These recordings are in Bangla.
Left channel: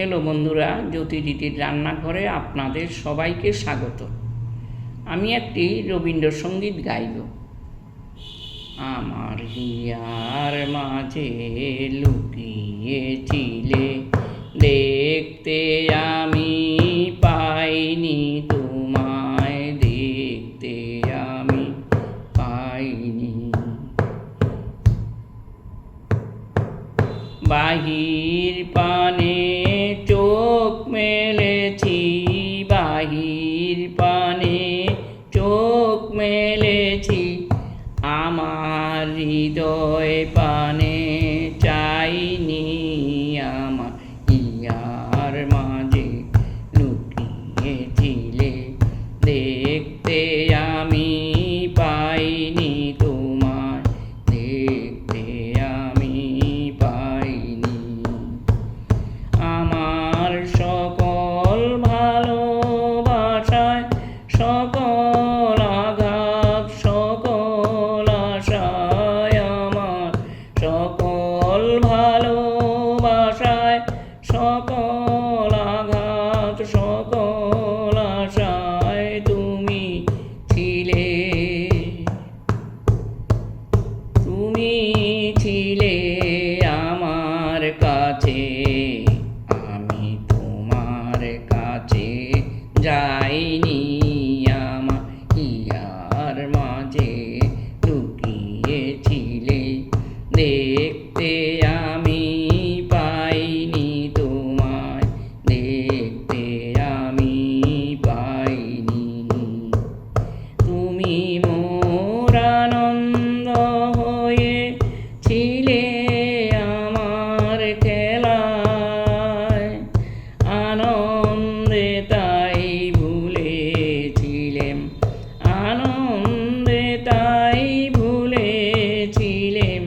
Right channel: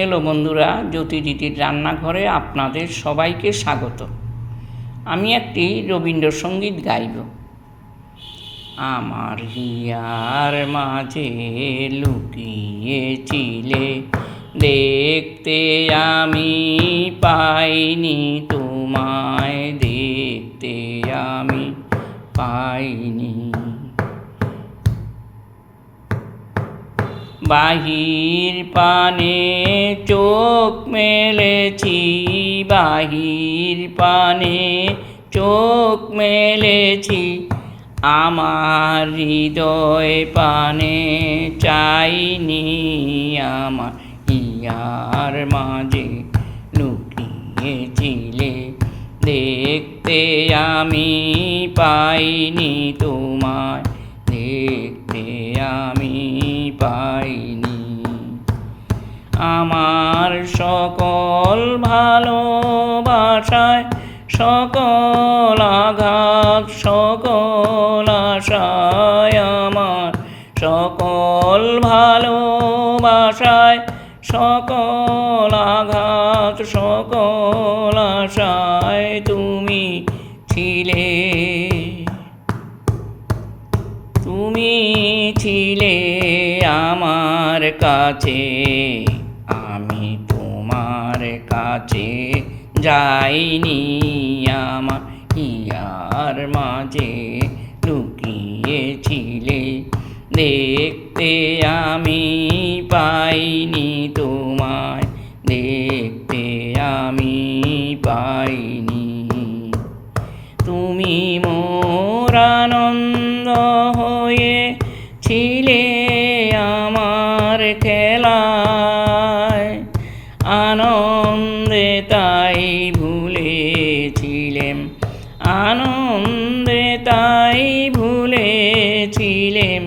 হ্যালো বন্ধুরা, জ্যোতিদিদির রান্নাঘরে আপনাদের সবাইকে স্বাগত। আমি একটি রবীন্দ্রসঙ্গীত গাইব। আমার হিয়ার মাঝে লুকিয়েছিলে, দেখতে আমি পাইনি তোমায়, দেখতে আমি পাইনি। বাহির পানে চোখ মেলেছি, বাহির পানে চোখ মেলেছি, আমার হৃদয় পানে চাইনি। আমার হিয়ার মাঝে লুকিয়েছিলে, দেখতে আমি পাইনি তোমায়, দেখতে আমি পাইনি। আমার সকল ভালোবাসায়, সকল আঘাত, সকল আশায়, আমার সকল ভালোবাসায়, সকল আঘাত, সকল আশায় তুমি ছিলে, তুমি ছিলে আমার কাছে। আমি তোমার কাছে যাইনি, আমার হিয়ার মাঝে লুকিয়েছিলে, দেখতে আমি পাইনি তোমায়, দেখতে আমি পাইনি। তুমি মোর আনন্দ হয়ে ছিলে আমার খেলায়, আনন্দে তাই ভুলেছিলেম, আনন্দে তাই ভুলেছিলেম,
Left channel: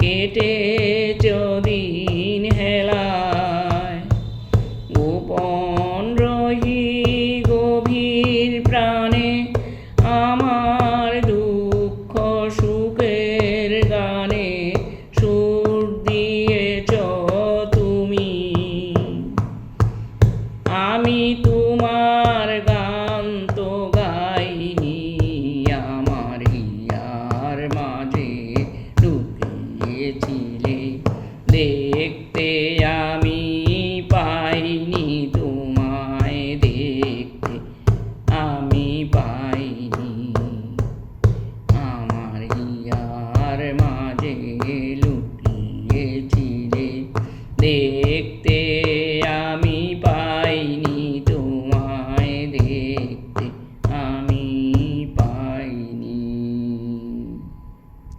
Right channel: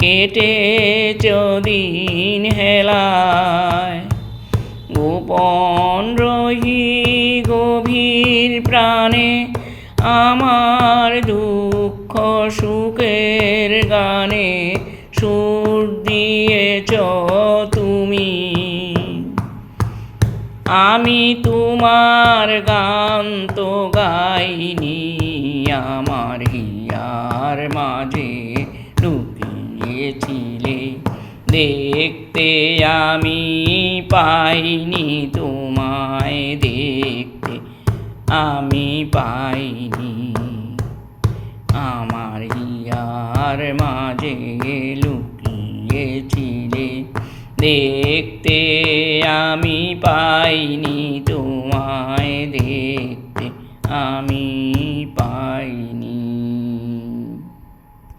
কেটেছ দিন হেলায়। গোপন রহি গভীর প্রাণে, আমার দুঃখ সুখের গানে সুর দিয়েছ তুমি। আমি তোমার গান তো গাইনি, আমার হিয়ার মাঝে লুকিয়েছিলে, দেখতে আমি পাইনি তোমায়, দেখতে আমি পাইনি। আমার হিয়ার মাঝে লুকিয়েছিলে, দেখতে আমি পাইনি।